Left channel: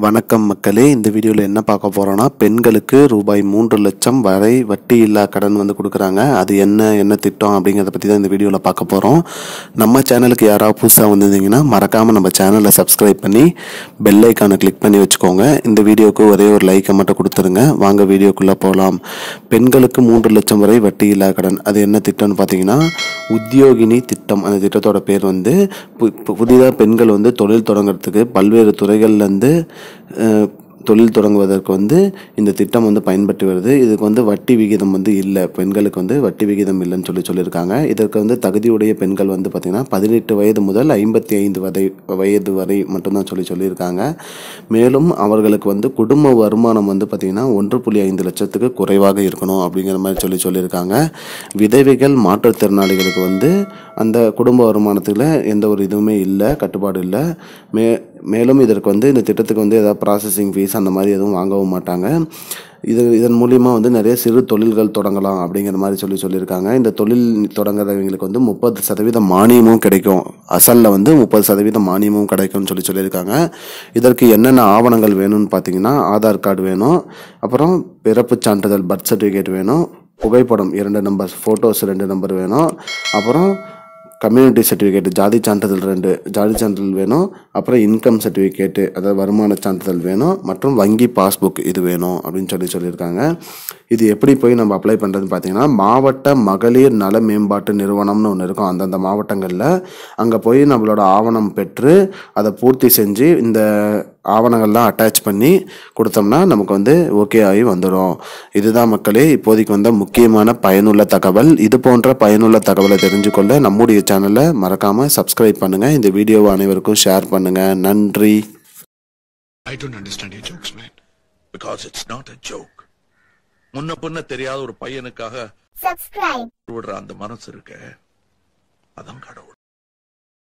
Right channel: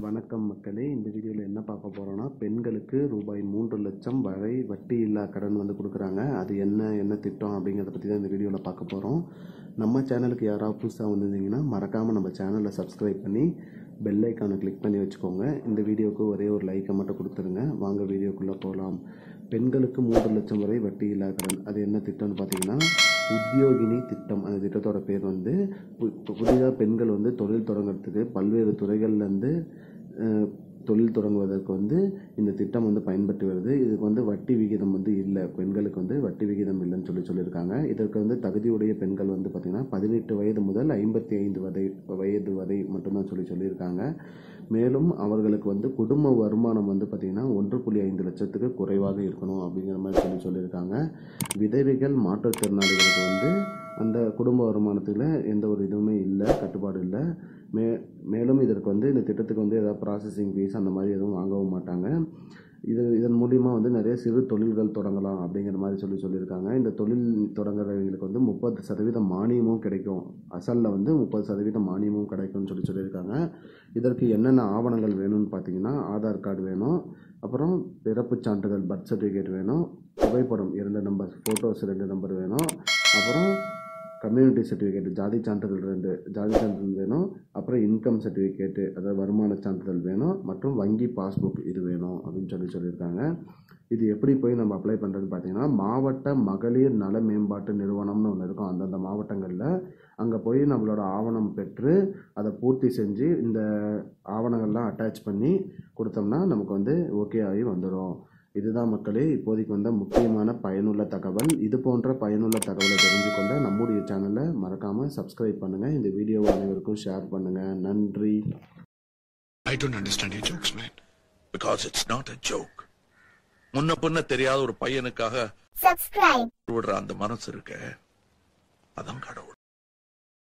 வணக்கம் மக்களே, இந்த வீடியோவில் என்ன பார்க்க போகிறோன்னா, பெண்களுக்கு ரூபாய் 3 லட்சம் வரை வட்டி இல்லா கடன் வந்து கொடுக்குறாங்க. அது என்ன திட்டம் அப்படிங்கிறத பற்றி தான் இந்த வீடியோவில் பார்க்க போகிறோம். நம்ம சேனலுக்கு யாராவது புதுசாக வந்திருந்தீங்கன்னா மறக்காமல் நம்ம சேனலை சப்ஸ்கிரைப் பண்ணி பெல் ஐக்கானை கிளிக் பண்ணி வச்சுக்கோங்க. இந்த வீடியோவுக்கு ஒரே ஒரு லைக்கை மட்டும் கொடுத்துருங்க. வாங்க வீடியோக்குள்ளே போகலாம். பெண்களுக்கு 3 லட்சம் வரை வட்டி இல்லா கடன், அது என்ன திட்டம்னு பார்த்தீங்கன்னா உத்தியோகினி திட்டம். அந்த திட்டத்தோட பேர் வந்து புதிதாக பெண்கள் வந்து தொழில் தொடங்குறதுக்கு பல்வேறு துறைகள்லேருந்து தொழில் தொடங்குவதற்கு வந்து இந்த திட்டம் வந்து பயன்பட்டு வருது. இதுக்கு வந்து வட்டி விகிதம் வந்து இல்லை, பெண்களுக்கு வந்து வட்டி விகிதம் இல்லைன்னு சொல்லியிருக்காங்க. இதற்கு வந்து தகுதியுடைய பெண்கள் வந்து பார்த்திங்கன்னா 18 வயது முதல் 55 வயது வரை மட்டும்தான் சொல்லியிருக்காங்க. மேலும் அவர்களுக்கு வந்து குடும்ப வருமானம் வந்து பார்த்திங்கன்னா 1.5 லட்சத்துக்கு குறைவாக இருக்கணும் அப்படிங்கிற மாதிரி சொல்லியிருக்காங்க. விதவைகள், மாற்றுத்திறனாளிகளுக்கு வந்து அந்த குடும்ப வருமானத்தில் எந்த ஒரு இதுவுமே இல்லை, கட்டுப்பாடு இல்லை. மேலும் இதற்கு வந்து இந்த திட்டத்துக்கு வந்து ஏதாவது ப்ராசஸிங் ஃபீஸ் அந்த மாதிரி எதுவும் வாங்கவும் மாட்டாங்க. இதன் மூலிமா வந்து நிறைய சிறு தொழில்கள் தொடங்கலாம் அப்படிங்கிற மாதிரி சொல்லியிருக்காங்க. இந்த தொழில் தொடங்குறவங்களுக்கு வந்து 30% மானியமும் கிடைக்கும். அசலில் வந்து 30% மானியமும் கிடைக்கும்னு சொல்லியிருக்காங்க. இதற்கு என்னென்ன ஆவணங்கள் வேணும்னு பார்த்தீங்கன்னா, ஆதார் கார்டு வேணும், அப்புறம் பிறப்பு சான்றிதழ் பர்த் சர்டிஃபிகேட் வேணும், புகைப்படம் 2 நம்பர், ஃபோட்டோஸ் 2 நம்பர் வேணும், அப்புறம் கம்யூனிட்டி சர்டிஃபிகேட், ஜாதி சான்றிதழ் 2 ஜாதி சான்றிதழ் வேணும், அப்புறம் இன்கம் சர்டிஃபிகேட்டு, அதாவது வருமான சான்றிதழ் வேணும், மற்றும் வங்கி பாஸ்புக் இது வேணும் அப்படின்னு சொல்லியிருக்காங்க. இது எப்படி போய் நம்ம அப்ளை பண்ணுறதுன்னு பார்த்தீங்கன்னா, மாவட்ட மகளிர் நல மேம்பாட்டு நிறுவனம்னு ஒன்று இருக்கும். அந்தந்த மாவட்டங்களில் அங்கே போய் நம்மளோட ஆவணம் பெற்று அதை பூர்த்தி செஞ்சு இந்த ஆவணங்கள்லாம் அட்டாச் பண்ணி கொடுத்தோம்னா நமக்கு வந்து ஓகே ஆகி வந்துடும். இதுதான் மக்களே இப்போதைக்கு வந்த முக்கியமான பயனுள்ள தகவல். இது போன்ற பயனுள்ள தகவலை தெரிஞ்சுக்கொள்ள நம்முடைய சேனலை மறக்காமல் சப்ஸ்கிரைப் பண்ணுங்கள். இந்த வீடியோவை அனைவருக்கும் ஷேர் பண்ணுங்கள். நன்றி. I don't understand your jokes, man. Because it's not a joke. முன்ன பின்ன தெரியாத ஒரு பையனுக்காக விடுற அந்த மனசு இருக்க, அதான் கடவுள்.